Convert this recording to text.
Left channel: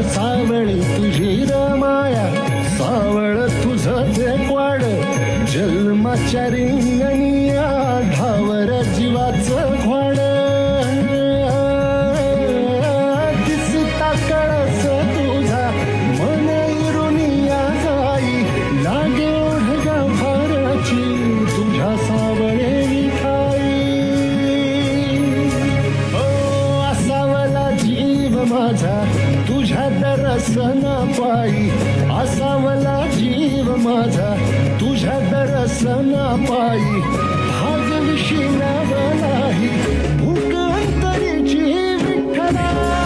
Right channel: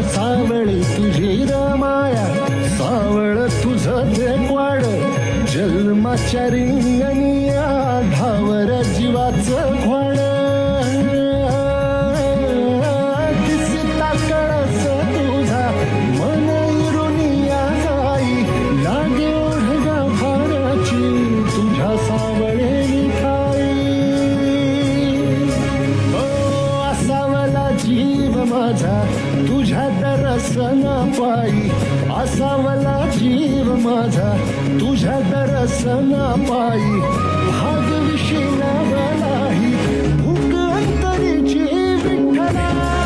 सावळी तुझी रमाया, सावळ तुझं ते क्वाड, जन्माच्या रिंगणिया ढावर जीवाचं घोड. दिसता कळस तुझा मन इरुनिया जाई, लागे ओढगा भाराची तुझ्या सावळे विठाई. असावला जीव माझा तुझ्या दर्शना पायी, असावला जीव माझा तुझ्या दर्शना पायी. भाग विशिलावलाही भूक अंतरीची विठ्ठला.